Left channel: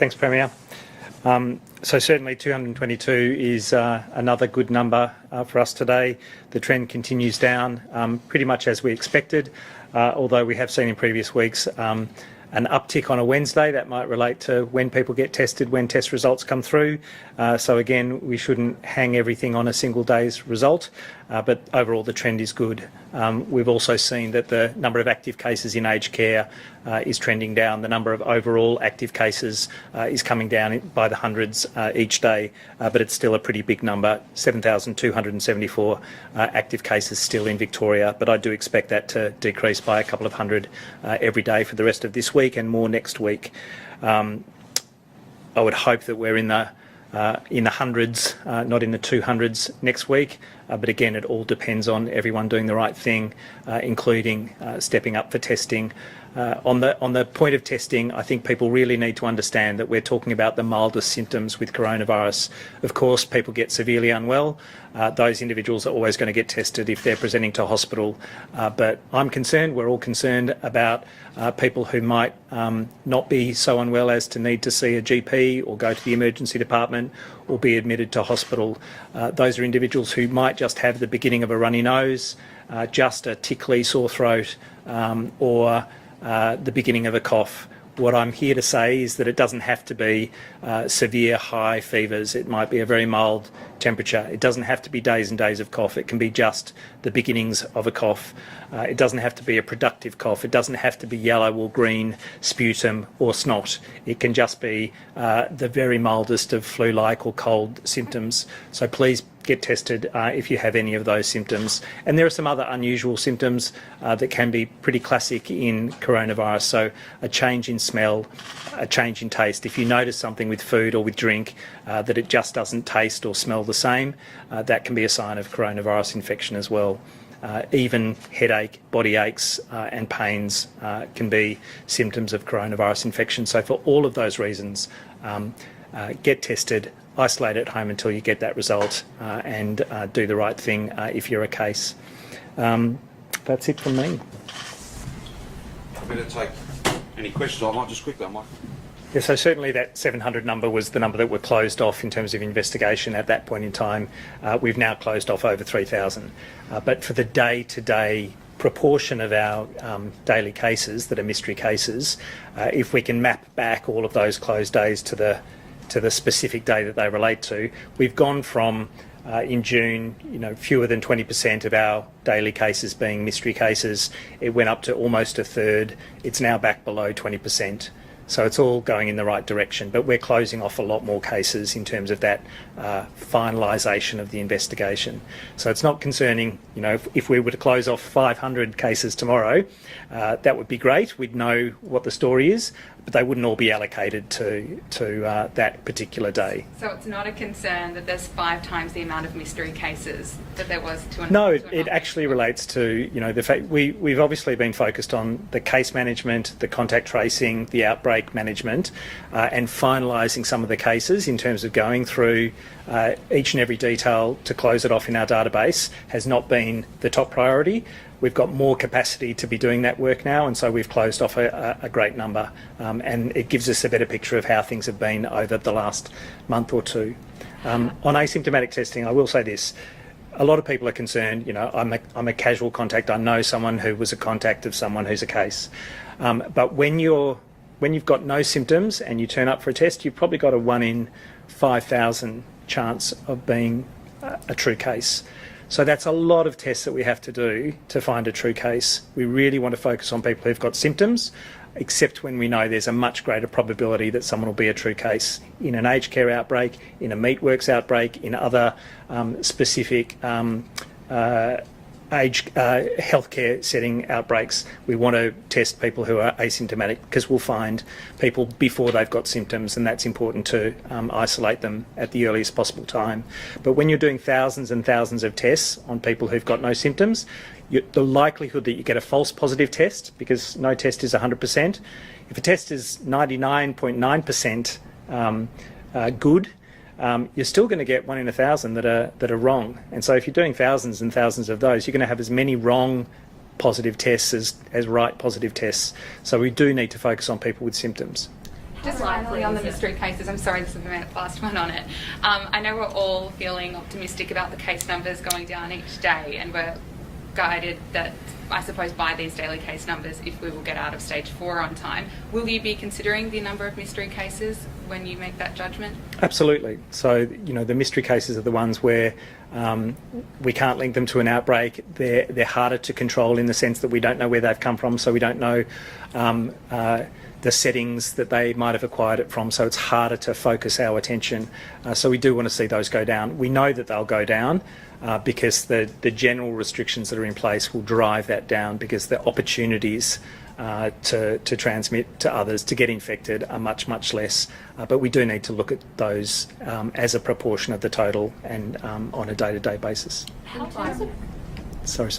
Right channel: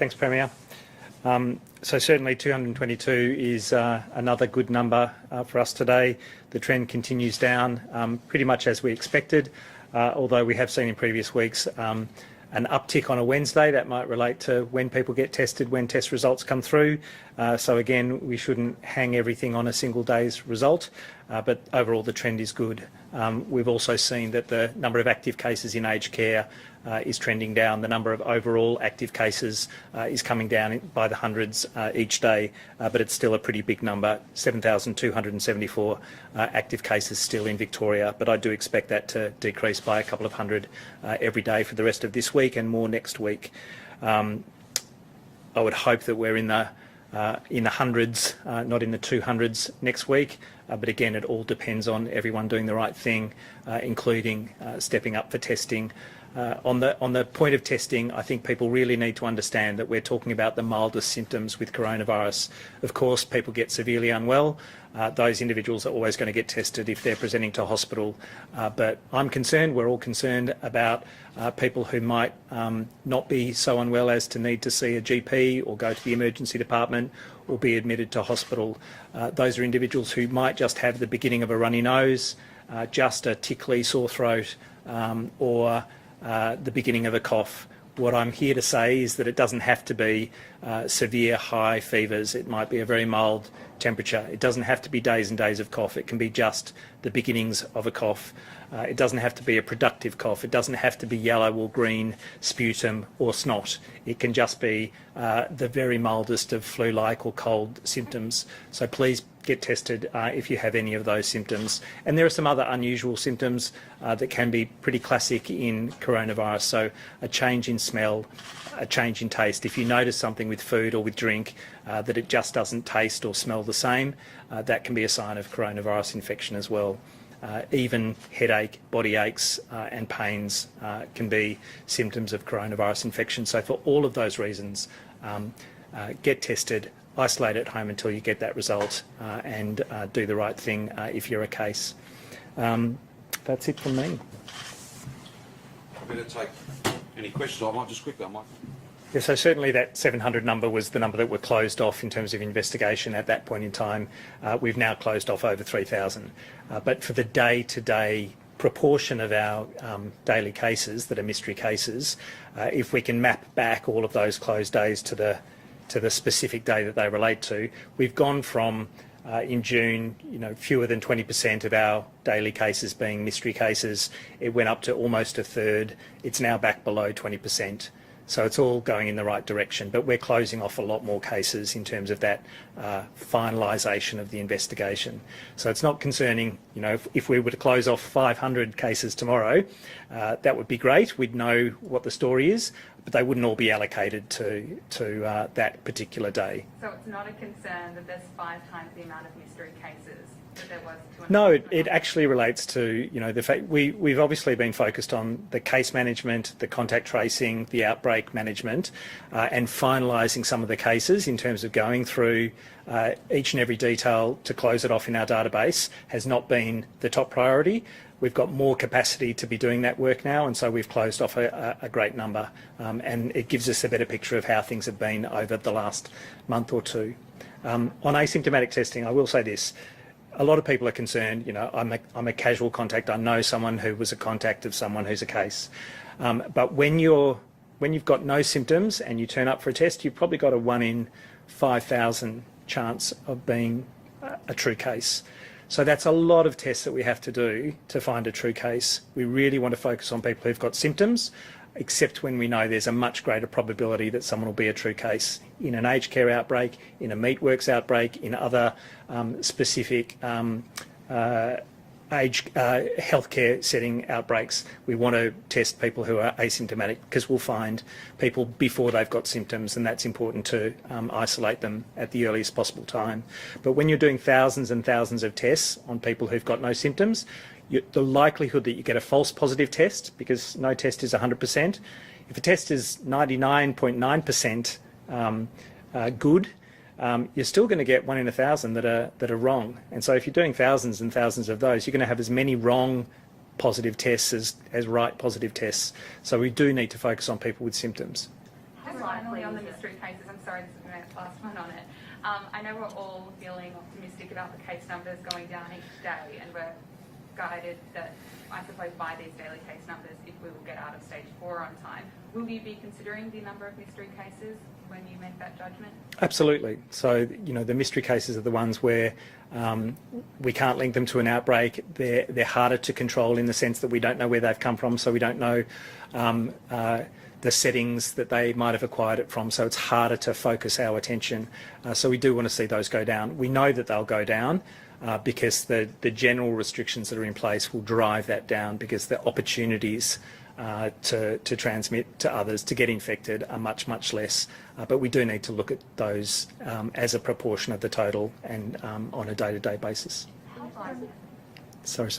Thanks, Premier. So certainly 222 is another good number for us today. The trend continues down pretty much as we expected, although we have seen in previous weeks an uptick on a Wednesday. That might relate to when people get tested, when test results come through. So again, we shouldn't hang everything on a single day's result, but overall the trend is good. We've also seen that the number of active cases in aged care is trending down. The number of overall active cases is coming down by the hundreds each day, but it's still a pretty big number, 7,274 active cases still in Victoria, but I do expect that to decrease by a couple of hundred every day for the rest of this week and more next week. I would hope that we're in the hundreds, not in the 200s next week. But again, it all depends on everyone doing the right thing, including stepping up for testing. On the point of testing, I think people really need to understand that we're talking about the mildest symptoms with coronavirus. Of course, people get severely unwell. Those individuals are always going to get tested if they're presenting to hospital. But I'm concerned, we're all concerned about people who might not be so unwell as to need to see a GP or go to the emergency department or be admitted to hospital. Those are individuals who might just have the beginning of a runny nose, just a tickly sore throat, or the beginning of a cough. What I'm here to say is that it doesn't have to be severe high fevers. It might be a very mild temperature. It doesn't have to be days and days of cough. It can be just the beginnings of a cough. It doesn't have to be a productive cough. It doesn't have to be yellow or green sputum or snot. It can just be the very mildest of flu-like or cold symptoms. So please get tested if you have any of those symptoms. And there are some other unusual symptoms that can be pretty classic in coronavirus. So a change in smell, a change in taste. If you notice something with food or with drink that it just doesn't taste or smell the same, that can be a sign of coronavirus infection as well. Even headache, body aches and pains can be symptoms of coronavirus infection. So for all of those reasons, get tested, isolate at home until you get that result, and do the right thing if you're a case. That's it from me. I'm going to take any questions. I might just quickly, Yeah, so certainly that 700 number was the number that were closed off in terms of investigation at that point in time. We've now closed off over 3,000. But for the day-to-day proportion of our daily cases that are mystery cases, if we can map back all of those closed days to the specific day that they relate to, we've gone from in June, fewer than 20% of our daily cases being mystery cases. It went up to almost a third. It's now back below 20%. So it's all going in the right direction, but we're closing off a lot more cases in terms of that finalisation of the investigation. So it's not concerning, if we were to close off 500 cases tomorrow, that would be great. We'd know what the story is, but they wouldn't all be allocated to that particular day. So it's not a concern that there's 5 times the amount of mystery cases that there was to another? No, it actually relates to, the fact we've obviously been focused on the case management, the contact tracing, the outbreak management, and finalising some of the cases in terms of going through each and every detail to close it off in our database has not been the top priority. We've got more capacity to be doing that work now, and so we've closed off a great number, and it gives us a better picture of how things have been over the last month or two. On asymptomatic testing, I will say this. A lot of people are concerned, I'm a casual contact. I know someone who was a contact of someone who's a case. But when you've got no symptoms and you turn up for a test, you've probably got a 1 in 5,000 chance of being a true case. So that's a lot of tests that we have to do to find a true case. We really want to focus on people who've got symptoms, except when we know there's a much greater probability that someone will be a true case. In an aged care outbreak, in a meatworks outbreak, in other specific healthcare setting outbreaks, we want to test people who are asymptomatic because we'll find people before they've got symptoms, and that's important to isolate them at the earliest possible time. But when you're doing thousands and thousands of tests on people who've got no symptoms, the likelihood that you get a false positive test, because no test is 100%, if a test is 99.9% good, you're still going to get 1 in 1,000 that are wrong. And so if you're doing thousands and thousands of those, you're going to have as many wrong positive tests as right positive tests. So we do need to focus on people with symptoms. Just finally on the mystery cases, I'm sorry this is the last one on it. I know we're all feeling optimistic about the case numbers going down each day, and we're guided that, I suppose, by these daily case numbers if we will get out of stage 4 on time. Will you be considering the number of mystery cases when you make that judgment? Absolutely. So, the mystery cases are the ones where we can't link them to an outbreak. They're harder to control in the sense that we don't know where they've come from, so we don't know the settings that they might have acquired it from, so it's harder to focus our attention. So we do want to see those go down. We know that they'll go down because the general restrictions that are in place will drive that down, because the opportunities to transmit to others, to get infected, are much, much less. But we do need to look at those as a proportion of the total and on a day-to-day basis. Sorry.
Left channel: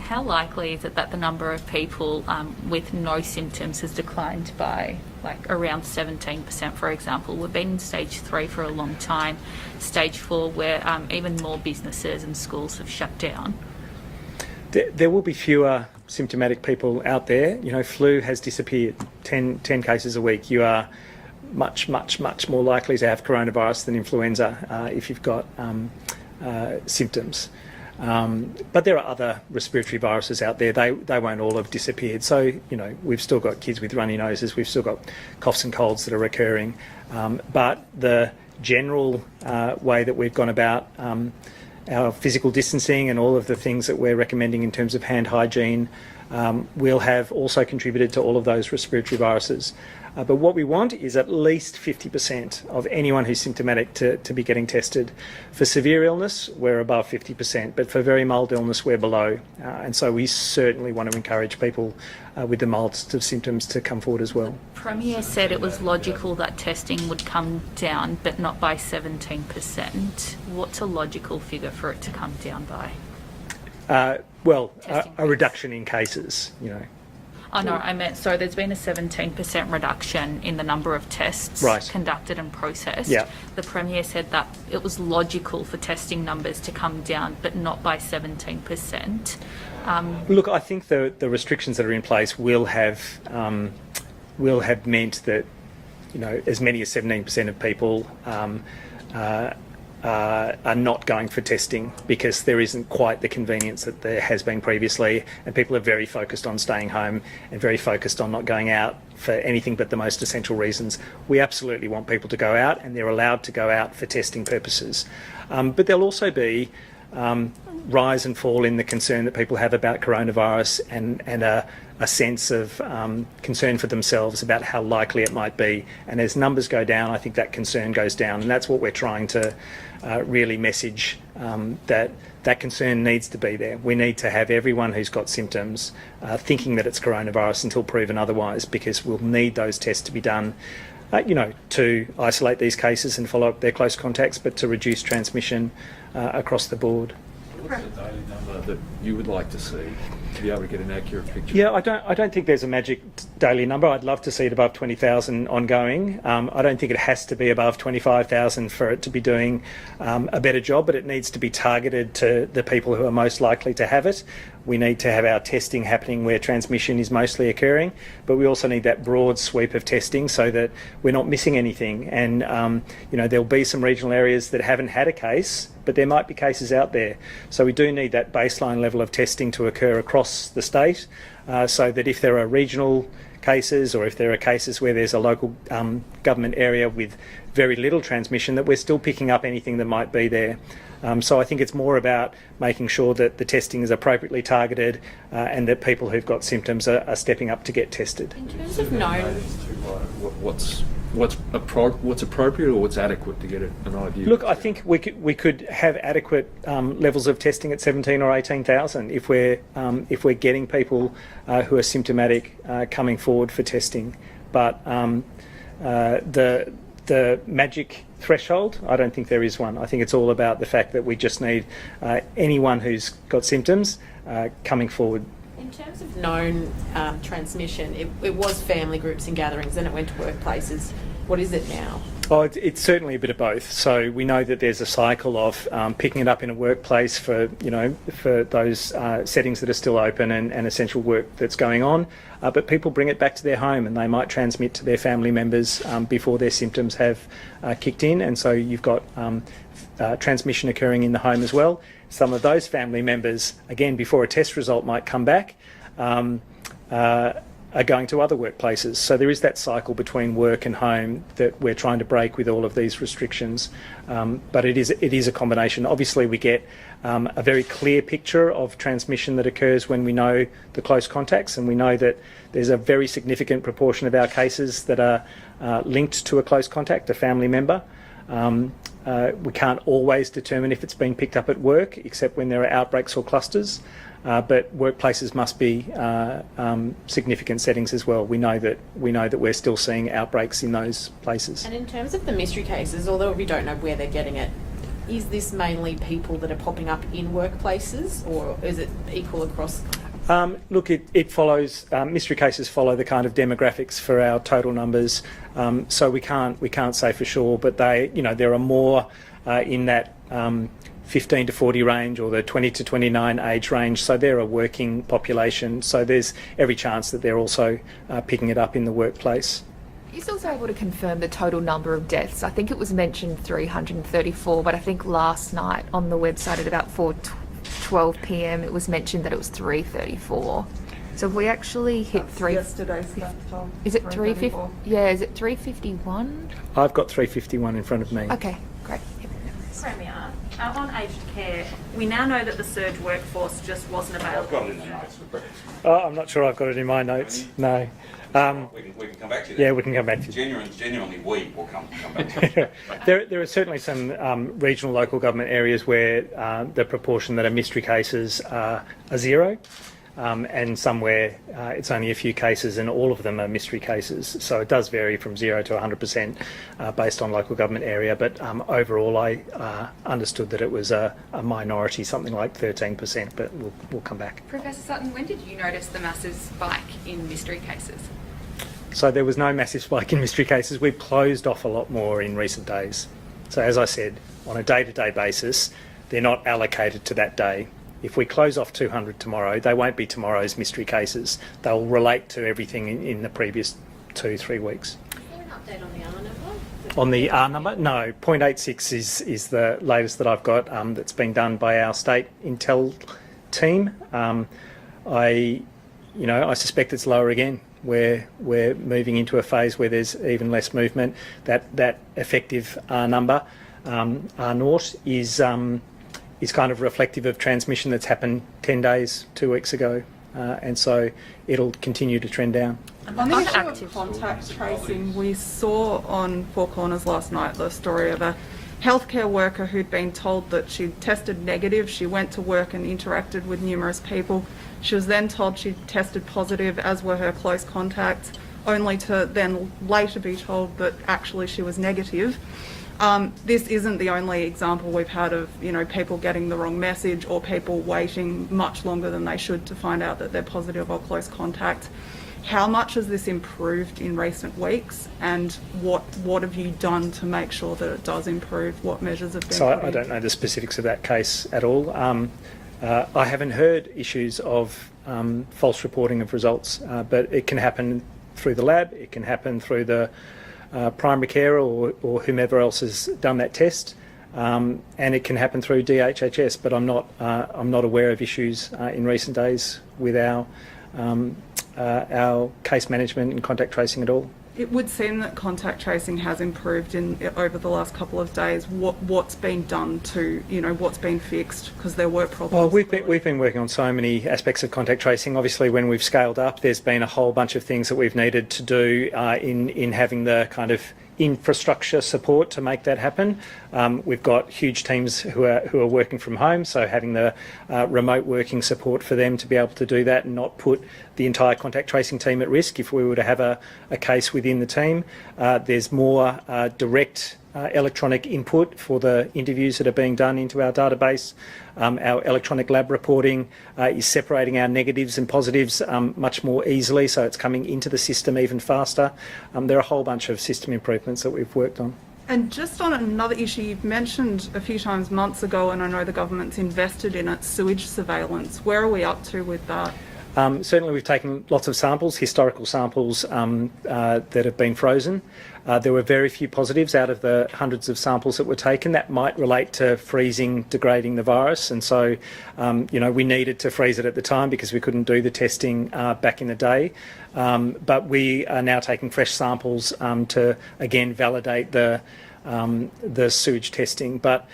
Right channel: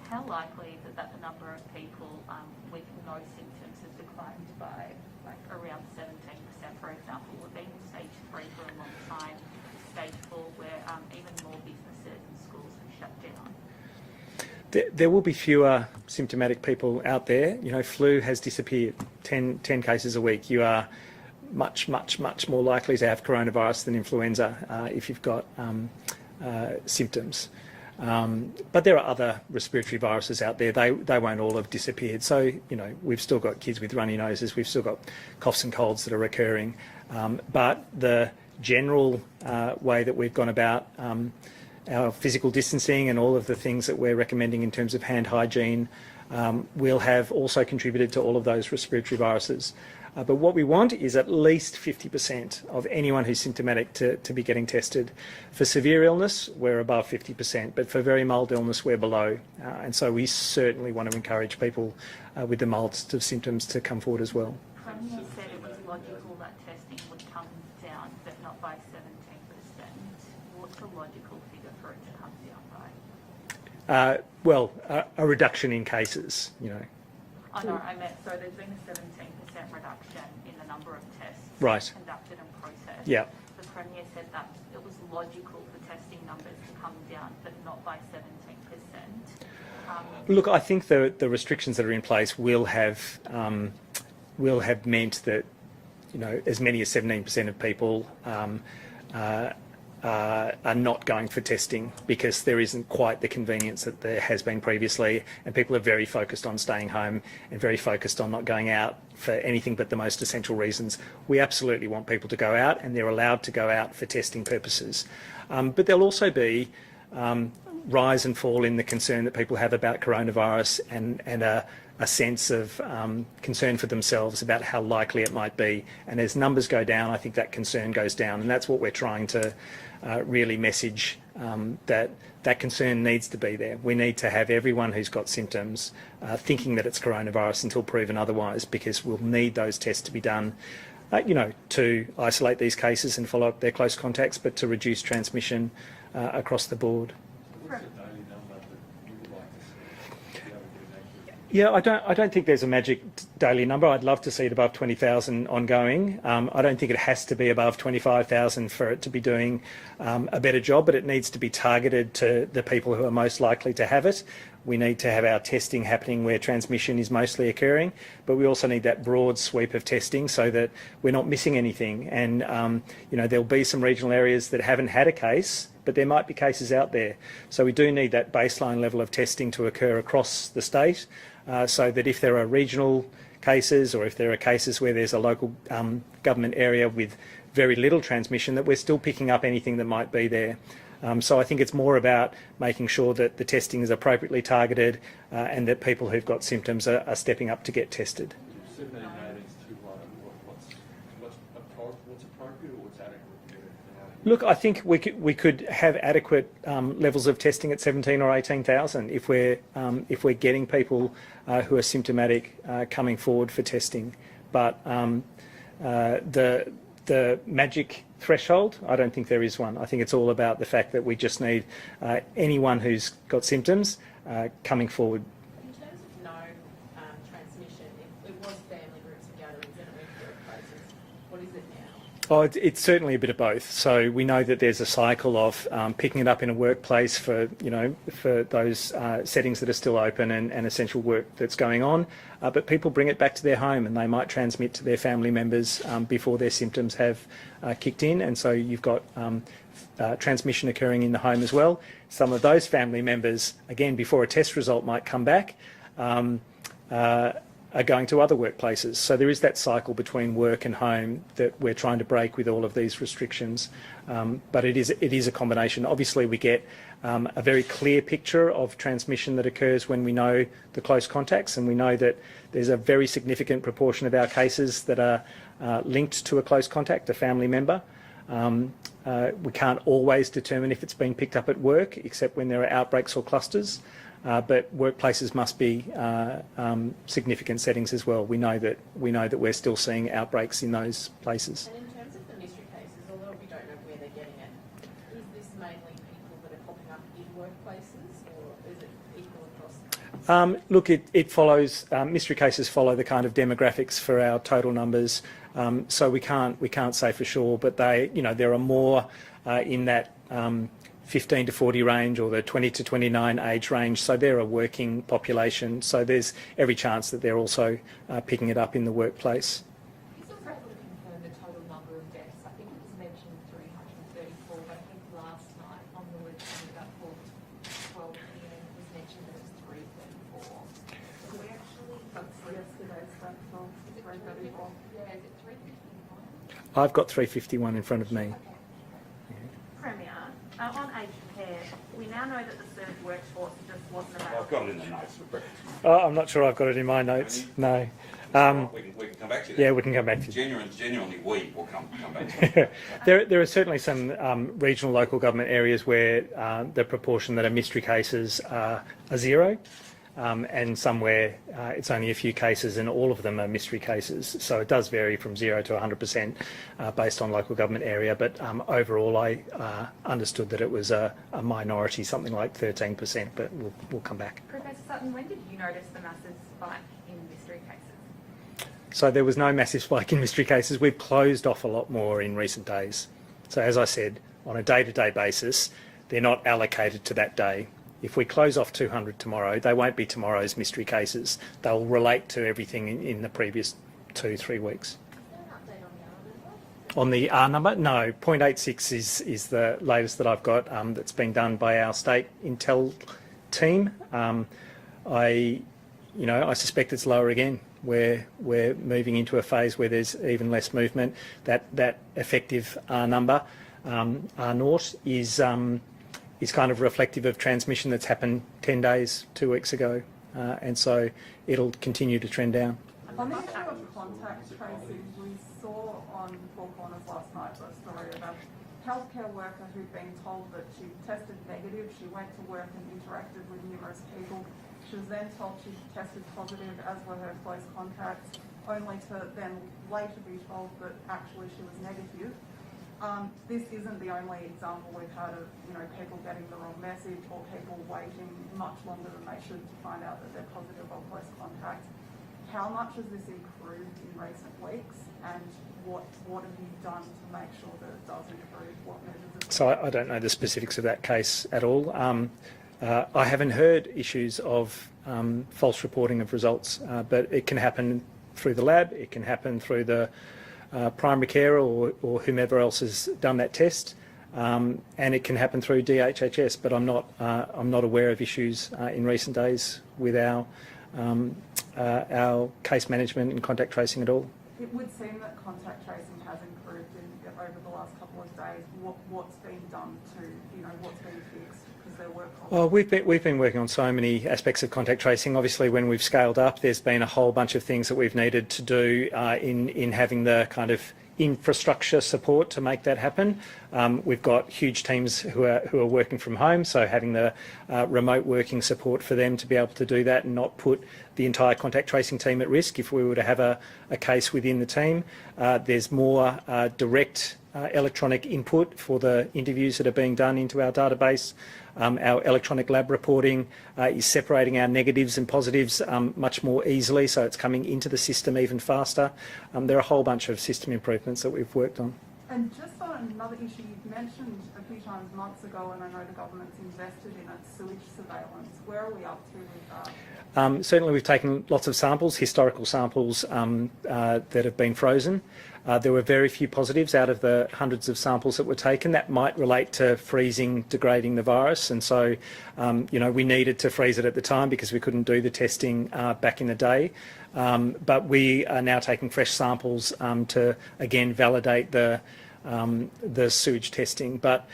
How likely is it that the number of people with no symptoms has declined by around 17%, for example? We've been in stage 3 for a long time, stage 4 where even more businesses and schools have shut down. There will be fewer symptomatic people out there. Flu has disappeared, 10 cases a week. You are much, much, much more likely to have coronavirus than influenza if you've got symptoms. But there are other respiratory viruses out there. They won't all have disappeared. So, we've still got kids with runny noses. We've still got coughs and colds that are recurring. But the general way that we've gone about our physical distancing and all of the things that we're recommending in terms of hand hygiene will have also contributed to all of those respiratory viruses. But what we want is at least 50% of anyone who's symptomatic to be getting tested. For severe illness, we're above 50%, but for very mild illness, we're below. And so we certainly want to encourage people with the mildest of symptoms to come forward as well. Premier said it was logical that testing would come down, but not by 17%. What's a logical figure for it to come down by? A reduction in cases, Oh no, I meant, so there's been a 17% reduction in the number of tests conducted and processed. Yeah. The Premier said that it was logical for testing numbers to come down, but not by 17%. Look, I think the restrictions that are in place will have meant that, as many as 17% of people are not going for testing because there isn't quite the convenience that there has been previously, and people are very focused on staying home and very focused on not going out for anything but the most essential reasons. We absolutely want people to go out, and they're allowed to go out for testing purposes. But there'll also be rise and fall in the concern that people have about coronavirus and a sense of concern for themselves about how likely it might be. And as numbers go down, I think that concern goes down, and that's what we're trying to really message, that concern needs to be there. We need to have everyone who's got symptoms thinking that it's coronavirus until proven otherwise, because we'll need those tests to be done, to isolate these cases and follow up their close contacts, but to reduce transmission across the board. What's the daily number that you would like to see to be able to get an accurate picture? Yeah, I don't think there's a magic daily number. I'd love to see it above 20,000 ongoing. I don't think it has to be above 25,000 for it to be doing a better job, but it needs to be targeted to the people who are most likely to have it. We need to have our testing happening where transmission is mostly occurring, but we also need that broad sweep of testing so that we're not missing anything. And there'll be some regional areas that haven't had a case, but there might be cases out there. So we do need that baseline level of testing to occur across the state, so that if there are regional cases or if there are cases where there's a local government area with very little transmission, that we're still picking up anything that might be there. So I think it's more about making sure that the testing is appropriately targeted and that people who've got symptoms are stepping up to get tested. In terms of known, What's appropriate or what's adequate to get an idea? Look, I think we could have adequate levels of testing at 17 or 18,000 if we're getting people who are symptomatic coming forward for testing. But the magic threshold, I don't think there is one. I think it's all about the fact that we just need anyone who's got symptoms coming forward. in terms of known transmission, it was family groups and gatherings, and it went to workplaces. What is it now? Oh, it's certainly a bit of both. So we know that there's a cycle of picking it up in a workplace for those settings that are still open and essential work that's going on. But people bring it back to their home and they might transmit to their family members before their symptoms have kicked in. And so you've got transmission occurring in the home as well. Some of those family members, again, before a test result might come back, are going to other workplaces. So there is that cycle between work and home that we're trying to break with all of these restrictions. But it is a combination. Obviously, we get a very clear picture of transmission that occurs when we know the close contacts, and we know that there's a very significant proportion of our cases that are linked to a close contact, a family member. We can't always determine if it's being picked up at work, except when there are outbreaks or clusters. But workplaces must be significant settings as well. We know that we're still seeing outbreaks in those places. And in terms of the mystery cases, although we don't know where they're getting it, is this mainly people that are popping up in workplaces, or is it equal across? Look, it follows. Mystery cases follow the kind of demographics for our total numbers, so we can't say for sure. But there are more in that 15 to 40 range, or the 20 to 29 age range. So they're a working population. So there's every chance that they're also picking it up in the workplace. Is also able to confirm the total number of deaths? I think it was mentioned 334, but I think last night on the website at about 4:12 p.m. it was mentioned that it was 334. So have we actually hit Yesterday's time. Is it 350? Yeah, is it 351? I've got 351 in front of me. Okay, great. Premier, on aged care, we now know that the surge workforce just wasn't available. I've got it in the notes. Oh, I'm not sure I've got it in my notes. No. We can come back to you. Yeah, we can come back to you. Genuinely, we will come back to you. There are certainly some regional local government areas where the proportion that are mystery cases are zero, and somewhere it's only a few cases and all of them are mystery cases. So it does vary from 0 to 100% based on local government area. But overall, I understood that it was a minority, something like 13%, but we'll come back. Professor Sutton, when did you notice the massive spike in mystery cases? So there was no massive spike in mystery cases. We've closed off a lot more in recent days. So as I said, on a day-to-day basis, they're not allocated to that day. If we close off 200 tomorrow, they won't be tomorrow's mystery cases. They'll relate to everything in the previous 2-3 weeks. Is there an update on the R number? On the R number? No, 0.86 is the latest that I've got that's been done by our state intel team. I suspect it's lower again. We're moving into a phase where there's even less movement. That effective R number, R naught, is kind of reflective of transmission that's happened 10 days, 2 weeks ago, and so it'll continue to trend down. On the issue of contact tracing, we saw on Four Corners last night the story of a healthcare worker who'd been told that she'd tested negative. She went to work and interacted with numerous people. She was then told she'd tested positive, as were her close contacts, only to then later be told that actually she was negative. This isn't the only example we've had of, people getting the wrong message or people waiting much longer than they should to find out that they're positive or close contact. How much has this improved in recent weeks, and what have you done to make sure that it does improve? What measures have been So put I in? don't know the specifics of that case at all. I haven't heard issues of false reporting of results, but it can happen through the lab, it can happen through the primary care or whomever else has done that test, and it can happen through DHHS. But I'm not aware of issues in recent days with our case management and contact tracing at all. It would seem that contact tracing has improved over the last couple of days. What's been done to, what's been fixed? Because there were problems. Well, we've been working on so many aspects of contact tracing. Obviously, when we've scaled up, there's been a whole bunch of things that we've needed to do in having the kind of infrastructure support to make that happen. We've got huge teams who are working from home, so having the remote working support for them to be able to do that and not put the entire contact tracing team at risk if we were to have a case within the team. There's more direct electronic input for the interviews that are being done into our database Our electronic lab reporting is separating our negatives and positives much more easily, so it's coming into the system even faster. There are a whole bunch of system improvements that we've worked on. And just on another issue, you've mentioned a few times months ago, and I know the government's invested in it, sewage surveillance. Where are we up to with that? Certainly we've taken lots of samples, historical samples that have been frozen. There were very few positives out of the hundreds of samples that were taken. That might relate to freezing, degrading the virus, and so we needed to freeze it at the time because we couldn't do the testing back in the day. But we are now taking fresh samples to again validate the sewage testing. But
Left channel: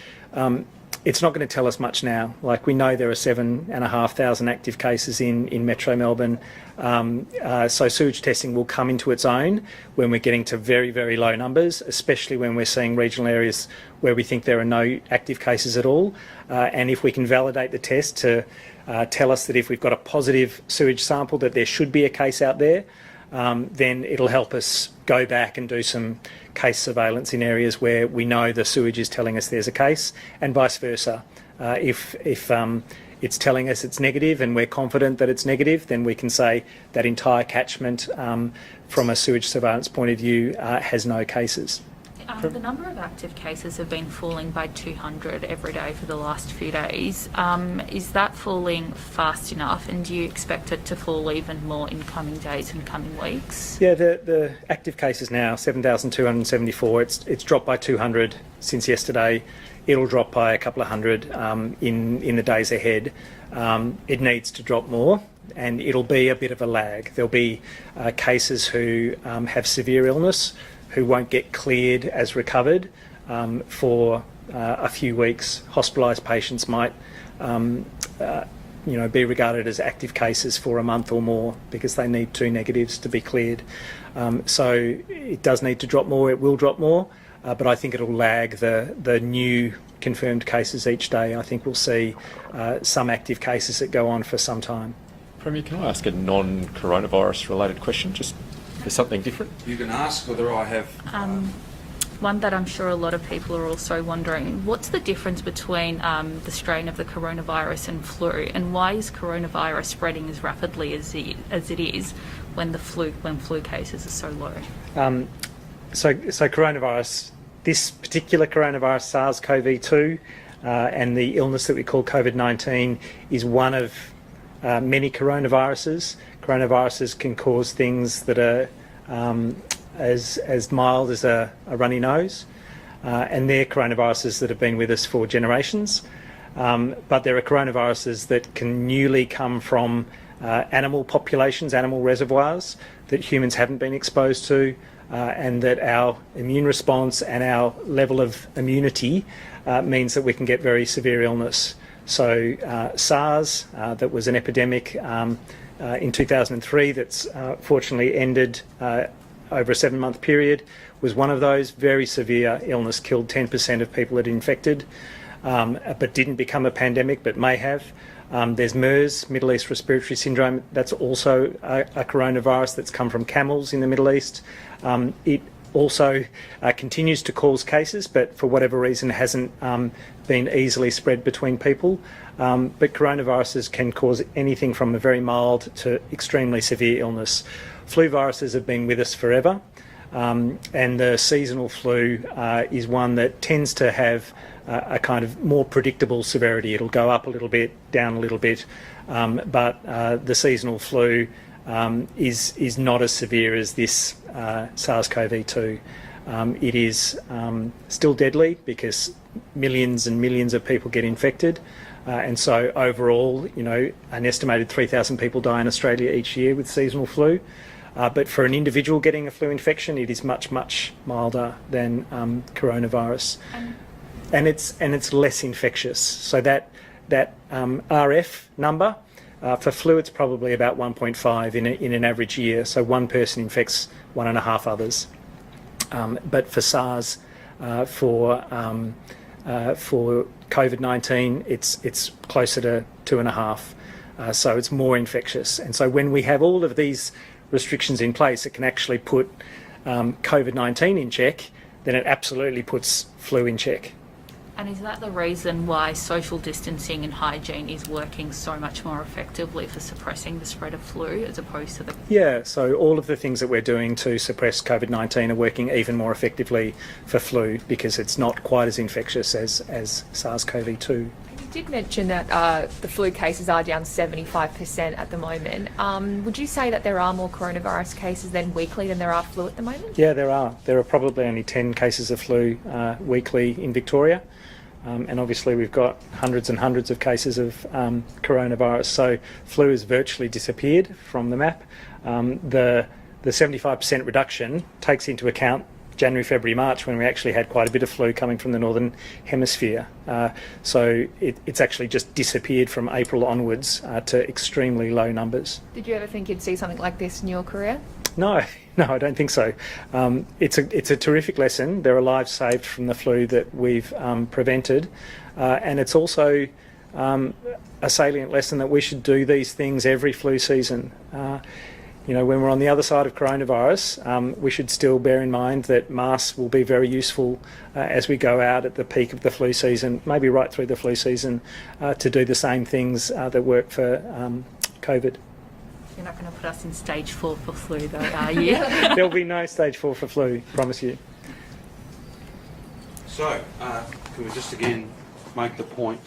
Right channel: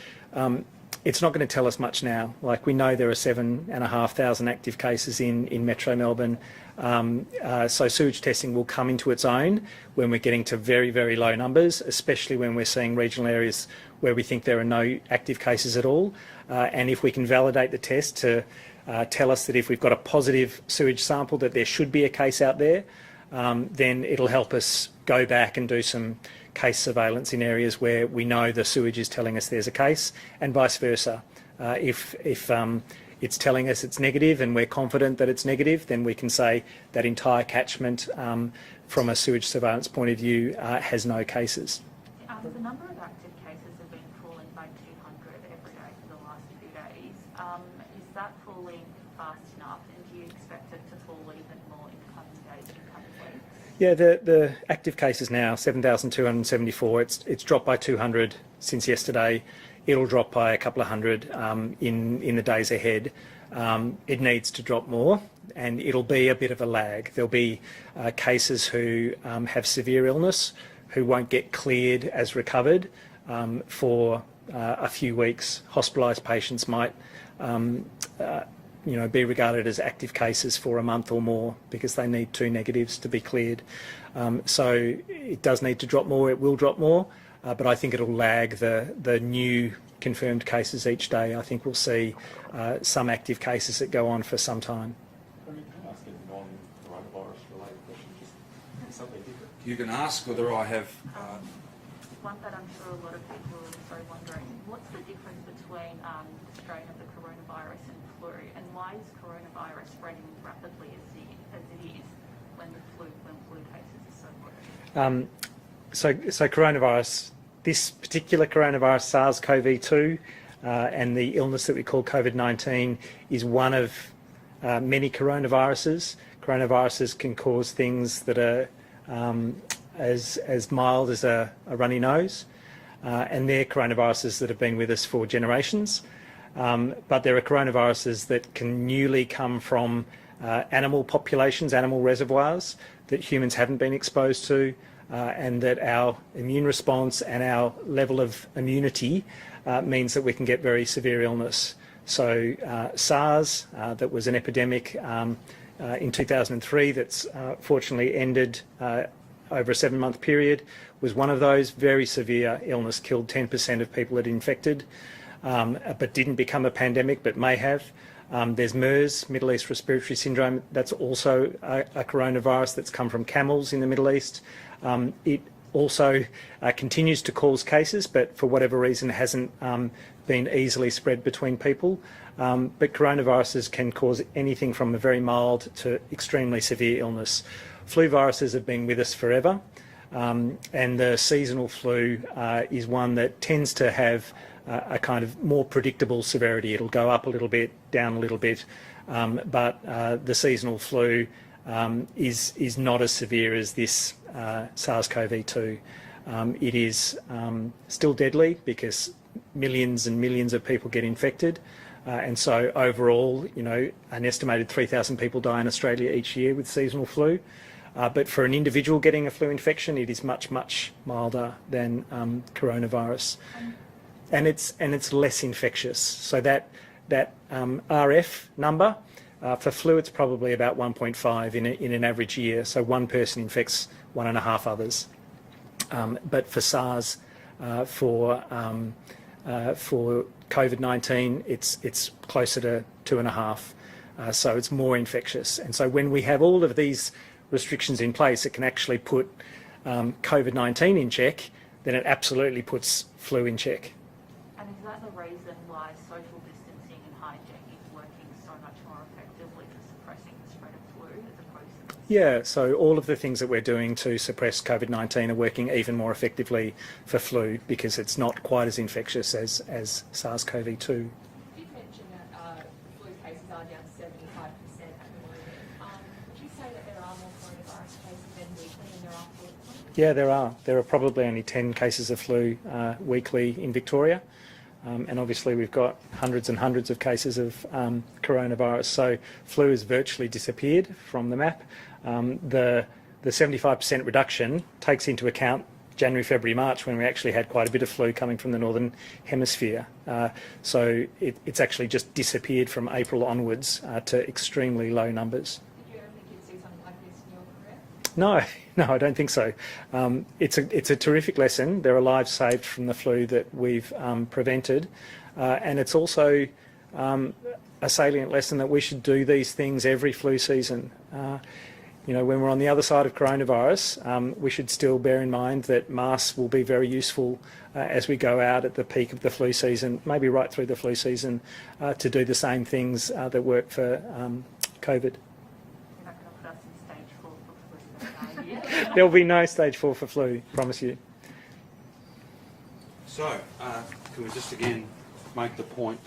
it's not going to tell us much now. Like, we know there are 7,500 active cases in Metro Melbourne. So sewage testing will come into its own when we're getting to very, very low numbers, especially when we're seeing regional areas where we think there are no active cases at all. And if we can validate the test to tell us that if we've got a positive sewage sample that there should be a case out there, then it'll help us go back and do some case surveillance in areas where we know the sewage is telling us there's a case, and vice versa. If it's telling us it's negative and we're confident that it's negative, then we can say that entire catchment from a sewage surveillance point of view has no cases. The number of active cases have been falling by 200 every day for the last few days. Is that falling fast enough, and do you expect it to fall even more in coming days and coming weeks? Yeah, the active cases now, 7,274. It's dropped by 200 since yesterday. It'll drop by a couple of hundred in the days ahead. It needs to drop more, and it'll be a bit of a lag. There'll be cases who have severe illness who won't get cleared as recovered for a few weeks. Hospitalised patients might be regarded as active cases for a month or more because they need 2 negatives to be cleared. So it does need to drop more. It will drop more, but I think it'll lag the new confirmed cases each day. I think we'll see some active cases that go on for some time. Premier, can I ask a non-coronavirus related question? Just for something different? You can ask whether I have... One that I'm sure a lot of people are also wondering, what's the difference between the strain of the coronavirus and flu, and why is coronavirus spreading as rapidly as it is when flu cases are so low? So coronavirus, this particular coronavirus, SARS-CoV-2, and the illness that we call COVID-19 is one of many coronaviruses. Coronaviruses can cause things that are as mild as a runny nose, and they're coronaviruses that have been with us for generations. But there are coronaviruses that can newly come from animal populations, animal reservoirs that humans haven't been exposed to, and that our immune response and our level of immunity means that we can get very severe illness. So SARS, that was an epidemic in 2003 that's fortunately ended over a 7-month period, was one of those. Very severe illness, killed 10% of people it infected, but didn't become a pandemic, but may have. There's MERS, Middle East Respiratory Syndrome. That's also a coronavirus that's come from camels in the Middle East. It also continues to cause cases, but for whatever reason hasn't been easily spread between people. But coronaviruses can cause anything from a very mild to extremely severe illness. Flu viruses have been with us forever, and the seasonal flu is one that tends to have a kind of more predictable severity. It'll go up a little bit, down a little bit, but the seasonal flu is not as severe as this SARS-CoV-2. It is still deadly because millions and millions of people get infected. And so overall, an estimated 3,000 people die in Australia each year with seasonal flu. But for an individual getting a flu infection, it is much, much milder than coronavirus. And it's less infectious. So that RF number, for flu, it's probably about 1.5 in an average year. So one person infects 1.5 others. But for SARS, for COVID-19, it's closer to 2.5. So it's more infectious. And so when we have all of these restrictions in place, it can actually put COVID-19 in check, then it absolutely puts flu in check. And is that the reason why social distancing and hygiene is working so much more effectively for suppressing the spread of flu as opposed to the... Yeah, so all of the things that we're doing to suppress COVID-19 are working even more effectively for flu because it's not quite as infectious as SARS-CoV-2. You did mention that the flu cases are down 75% at the moment. Would you say that there are more coronavirus cases then weekly than there are flu at the moment? Yeah, there are. There are probably only 10 cases of flu weekly in Victoria. And obviously we've got hundreds and hundreds of cases of coronavirus. So flu has virtually disappeared from the map. The 75% reduction takes into account January, February, March when we actually had quite a bit of flu coming from the Northern Hemisphere. So it's actually just disappeared from April onwards to extremely low numbers. Did you ever think you'd see something like this in your career? No, I don't think so. It's a terrific lesson. There are lives saved from the flu that we've prevented, and it's also a salient lesson that we should do these things every flu season. When we're on the other side of coronavirus, we should still bear in mind that masks will be very useful as we go out at the peak of the flu season, maybe right through the flu season, to do the same things that work for COVID. You're not going to put us in stage 4 for flu though, are you? There'll be no stage 4 for flu, promise you. So, can we just again make the point